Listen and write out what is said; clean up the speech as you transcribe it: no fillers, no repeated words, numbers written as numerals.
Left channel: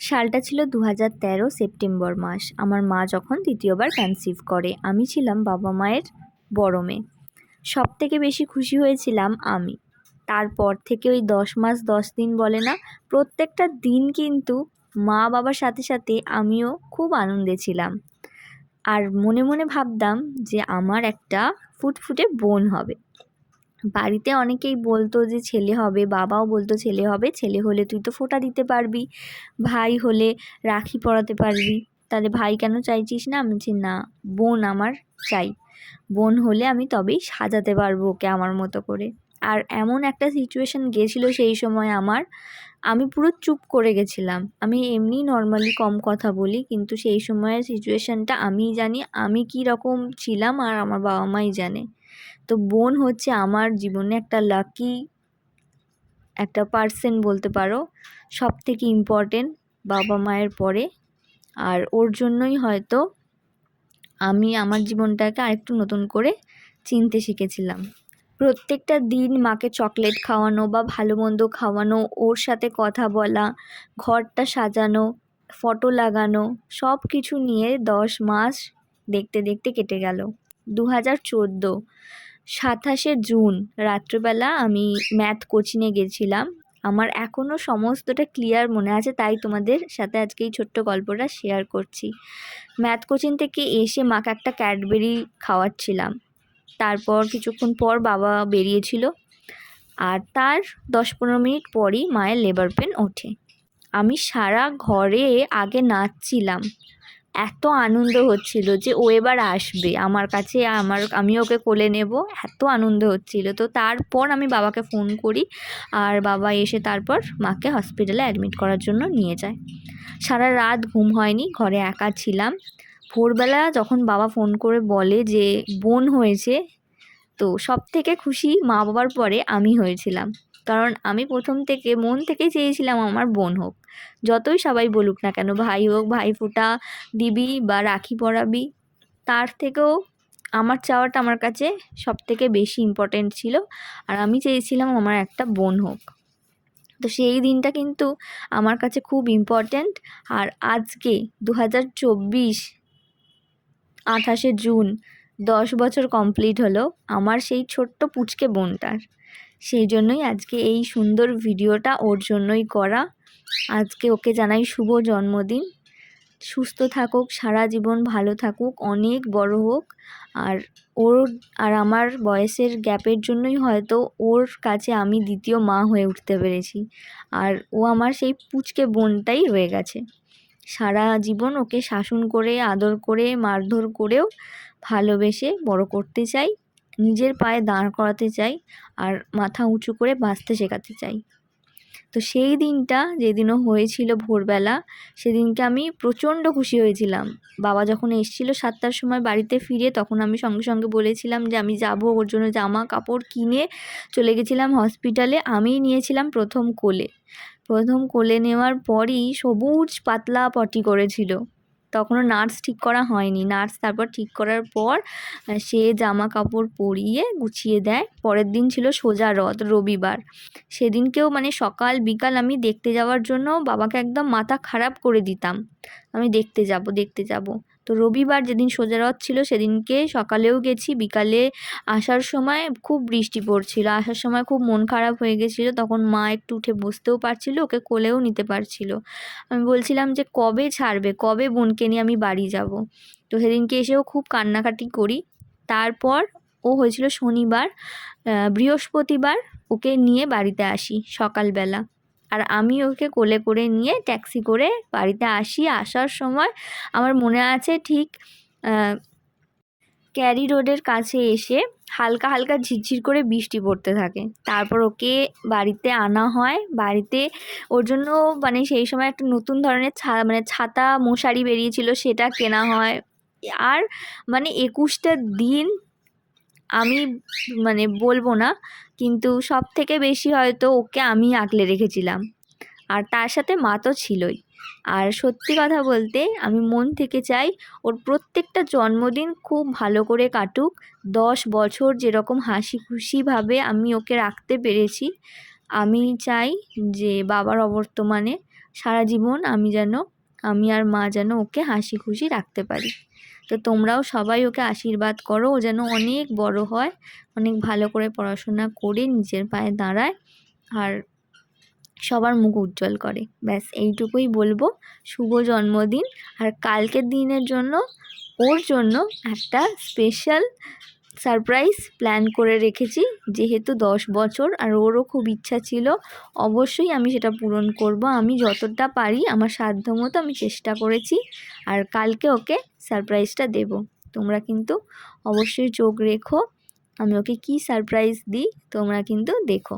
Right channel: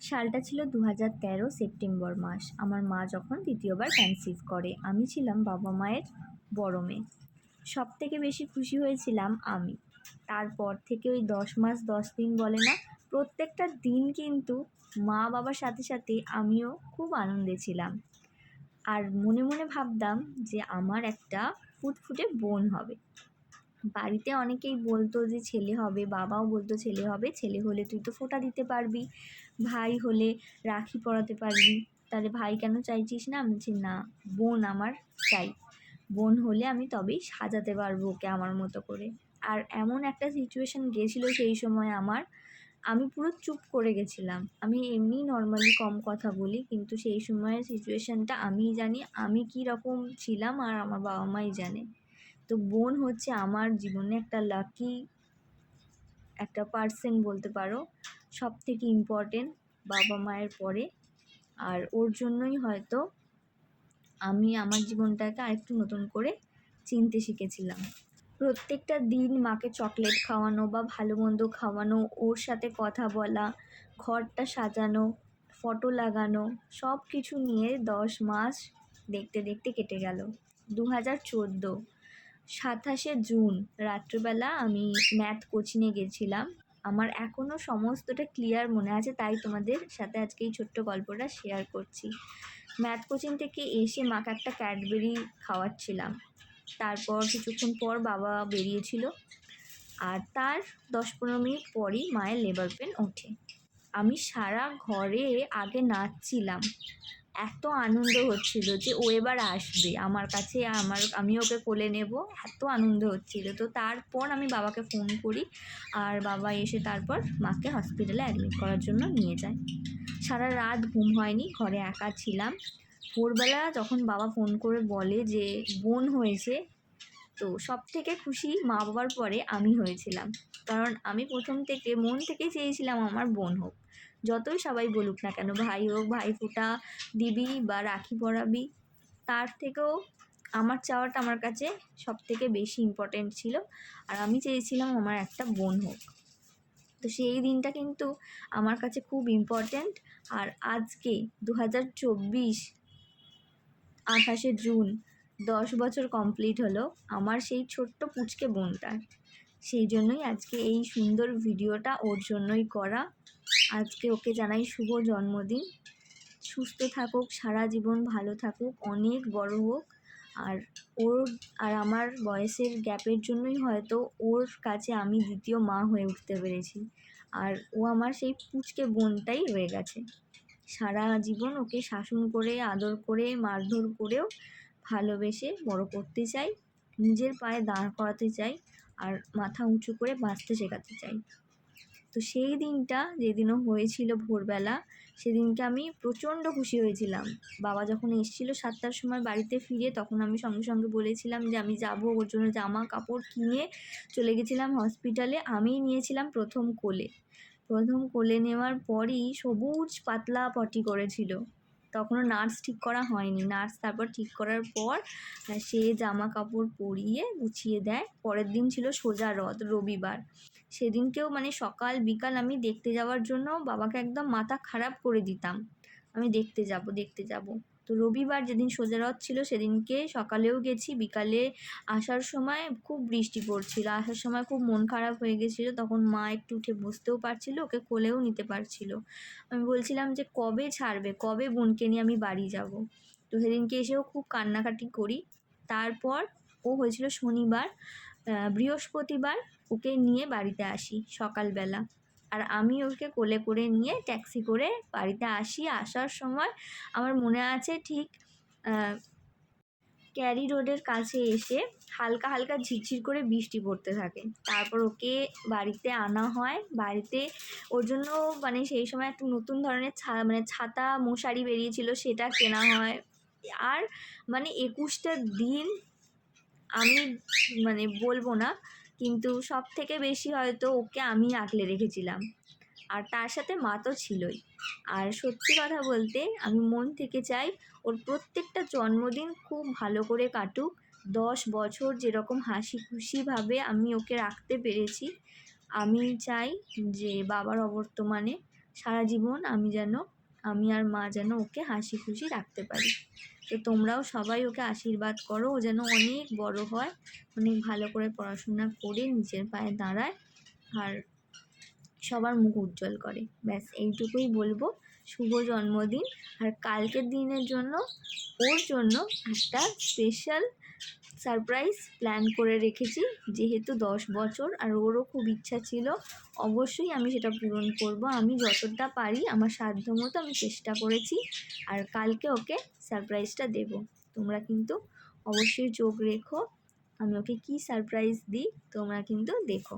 সালটা ছিল 2013 সেপ্টেম্বর মাস। আমার মা যখন দ্বিতীয়বার কনসিভ করে, আমি ছিলাম বাবা মায়ের বড় মেয়ে। সবথেকে বেশি খুশি হয়েছিলাম আমি। তারপর থেকে ওই 10 মাস 10 দিন বলে না, প্রত্যেকটা দিন কিন্তু মা বাবার সাথে সাথে আমিও খুব আনন্দে ছিলাম। আর মনে মনে ভাবতাম যে আমার একটা ফুটফুটে বোন হবে। বাড়িতে অনেকেই বলতো যে ছেলে হবে, বাবাও বলতো ছেলে হবে, ছেলে হলে তুই তো ফোঁটা দিতে পারবি, ভাই হলে রাখি পরাতে পারবি, তাহলে ভাই কেন চাইছিস না? আমি বলছি না, বোন আমার চাই, বোন হলে আমি তবেই সাজাতে পারবো ওকে আমার মতো করে। আর এমন একটা সিচুয়েশান গেছিলো সেই সময় আমি পুরো চুপ করে গেছিলাম। আমি এমনি নর্মালি কম কথা বলি, কিন্তু সেই সময়ের সিচুয়েশানটা আমিই জানি আমি কী রকম ছিলাম, আর আমার বাবা মাই জানে। তো বোন হচ্ছে আমার জীবনে একটা লাকি একটা পার্সন বলতে পারো, সব থেকে ইম্পর্টেন্ট বাবা মায়ের পরে। আর ওর জন্যই হয়তো আমি আমার জীবনটাকে আরেকটু নতুন করে চিনতে শিখেছিলাম। প্রত্যেকটা দিন মাকে চকলেট খাওয়ানো বা ভালো মন্দ খাওয়ানো, ওর সাথে কথা বলা, ঘরটা সাজানো, ফটো লাগানো, সব কিছু নিয়ে 10 মাস দেখতে দেখতে কেটে গেল। 2014 27শে জুন রাত্রেবেলা আমি ম্যাথ কোচিংয়ে গেছিলাম। আমার এখনও সমস্তটা ক্লিয়ার মনে আছে, তাই তোমাদের সাথে আজকে এই ছোট্ট গল্পটা শেয়ার করছি। ম্যাথ কোচিং থেকে এসে মাকে একটা ক্যাডবেরি খাওয়াচ্ছিলাম। তারপর কিছুক্ষণ পর বাবা বেরিয়েছিল, আর তার 10-15 মিনিট পরই মায়ের লেবার পেন ওঠে। আমি সারা ঘরে আগে নাচছিলাম, এত আনন্দ হচ্ছিল যে ও এবার আসবে আমার কাছে, আমি ওকে কোলে নেব, এত আনন্দ হচ্ছিল। তো তারপর আমি বাবাকে ফোন করি, আর বাবা এসে তারপর মাকে হসপিটালে অ্যাডমিট করার জন্য নিয়ে যায়। সারা রাত ঘুম হয়নি, ঘরে একা ছিলাম। ভোরবেলা যখন বাবা ফোন করে বলে যে বোন হয়েছে, তো সব থেকে খুশি মা বাবার পরে আমি হয়েছিলাম। কারণ আমি প্রথম থেকে মন থেকেই চেয়েছিলাম আমার বোন হোক। যতই সবাই বলুক না কেন, ভাই হোক, ভাইফোঁটা দিবি বা রাখি পরাবি, তার থেকেও আমার চাওয়াটা আমার কাছে সব থেকে বেশি ইম্পর্ট্যান্ট ছিল। আর আমি চেয়েছিলাম আমার একটা বোন হোক। তো সেই দিনটা কিন্তু আমার কাছে খুব ইম্পর্ট্যান্ট। আর আজকে 2024 28শে জুন 10 বছর কমপ্লিট হলো আমার সেই ছোট্ট পুচকে বোনটার। সেই জন্যই আজকে এই সুন্দর ভিডিওটা ওর জন্যই করা। আজকে ওকে জানাই শুভ জন্মদিন, সুস্থ থাকুক, সারা জীবন ভালো থাকুক, অনেক বড় হোক। আর ওর আর আমার বয়সের গ্যাপের জন্যই হয়তো ওর কাছে আমি দ্বিতীয় মা হয়ে উঠতে পেরেছি। আর ও আমার সেই পুচকে বোনটাই রয়ে গেছে। সারা জীবন ওকে শাসন করে, আদর করে, মারধর করেও ভালোবেসে বড় করতে চাই, নিজের পায়ে দাঁড় করাতে চাই, আর মাথা উঁচু করে বাঁচতে শেখাতে চাই। তো সেই দিনটা যেদিনও হয়েছিল ভোরবেলা, সেদিনকে আমি প্রচণ্ড খুশি হয়েছিলাম। বাবা যখন এসেছিল 7টার সময় বাড়িতে ফিরে, তখন আমি সঙ্গে সঙ্গে বলেছিলাম যে আমি যাব, ওর জন্য জামা কাপড় কিনে চলে গেছিলাম হসপিটালে। আমিই নিয়েছিলাম প্রথম কোলে। প্রথম কোলে নেওয়ার পরই সবুজ পাতলা পটি করেছিল। তখনও নার্স ঠিক করা হয়নি। নার্স তারপর ঠিক করার পর সে জামা কাপড় পরিয়ে গুছিয়ে দেয়। পরের দিন ছিল সোজা রথ, রবিবার। সেদিনকেও মানে সকাল বিকাল আমি দেখতে যাওয়ার জন্য বাবাকে একদম মাথা খারাপ করে দিতাম, আমি দেখতে যাব দেখতে যাব। তো রবিবার যেদিন সোজা রথ ছিল সেদিনকে সকালেও গেছি, বিকালে আসার সময় খুব বৃষ্টি পড়ছিল। আসার সময় খুব মন খারাপ হয়ে গেছিলো, তখন মা একটু উঠে বসতেও পারছিল, ওকে কোলেও নিতে পারছিল। আমি বলছিলাম যে কবে ছাড়বে, কবে বোনকে নিয়ে আমি বাড়ি যাব। তো সেদিনকে এসেও খুব কান্নাকাটি করি। তারপর ও হয়েছিল শনিবার, বৃহস্পতিবার ওকে নিয়ে বাড়িতে আসি সকালবেলা। আর আমি ওকে কোলে করে নিয়ে ট্যাক্সি করে বাড়িতে আসি। আসার সময় আমার মনে আছে ঠিক ক্যারি রোডের কাছে এসে হালকা হালকা ঝিরঝির করে বৃষ্টি পড়তে থাকে। তারপর ওকে বাড়িতে আনা হয়। বাড়িতে ওর জন্য মানে সেই সময় একটা নতুন ধরনের ছাতা মশারি বেরিয়েছিল, সেটা কেনা হয়। আর মানে 21টা দিন আমি মানে বলবো না, কিন্তু সব থেকে বেশি হয়তো ওকে আমি আগলে রেখেছিলাম। আর তার সাথে মা তো ছিলই। আর সত্যি কথা বলতে আমি মন থেকে চাই ওর প্রত্যেকটা জন্মদিন খুব ভালো করে কাটুক। 10 বছর যেরকম হাসি খুশিভাবে আমি ওকে রাখতে পেরেছি, আমি চাই যে বাবার অবর্তমানে সারা জীবন আমি আর মা যেন ওকে হাসি খুশি রাখতে পারি। তো তোমরাও সবাই ওকে আশীর্বাদ করো, ও যেন অনেক বড় হয়, অনেক ভালো করে পড়াশোনা করে নিজের পায়ে দাঁড়ায় আর সবার মুখ উজ্জ্বল করে। ব্যাস এইটুকুই বলবো। শুভ জন্মদিন। আর কালকের দিনের জন্য ওর জন্য একটা স্পেশাল সারপ্রাইজ প্ল্যান করে রেখেছি, যেহেতু 10 বছর আর ওরও খুব ইচ্ছা ছিল। অবশ্যই আমি সেটা পূরণ করব, আমি যতটা পারি আমার সাধ্যমতো আমি চেষ্টা করেছি। আর কালকে ওকে সারপ্রাইজটা দেব। তোমরা কিন্তু অবশ্যই চোখ রেখো আমি ওকে কী সারপ্রাইজ দিই, তোমরা কিন্তু দেখো।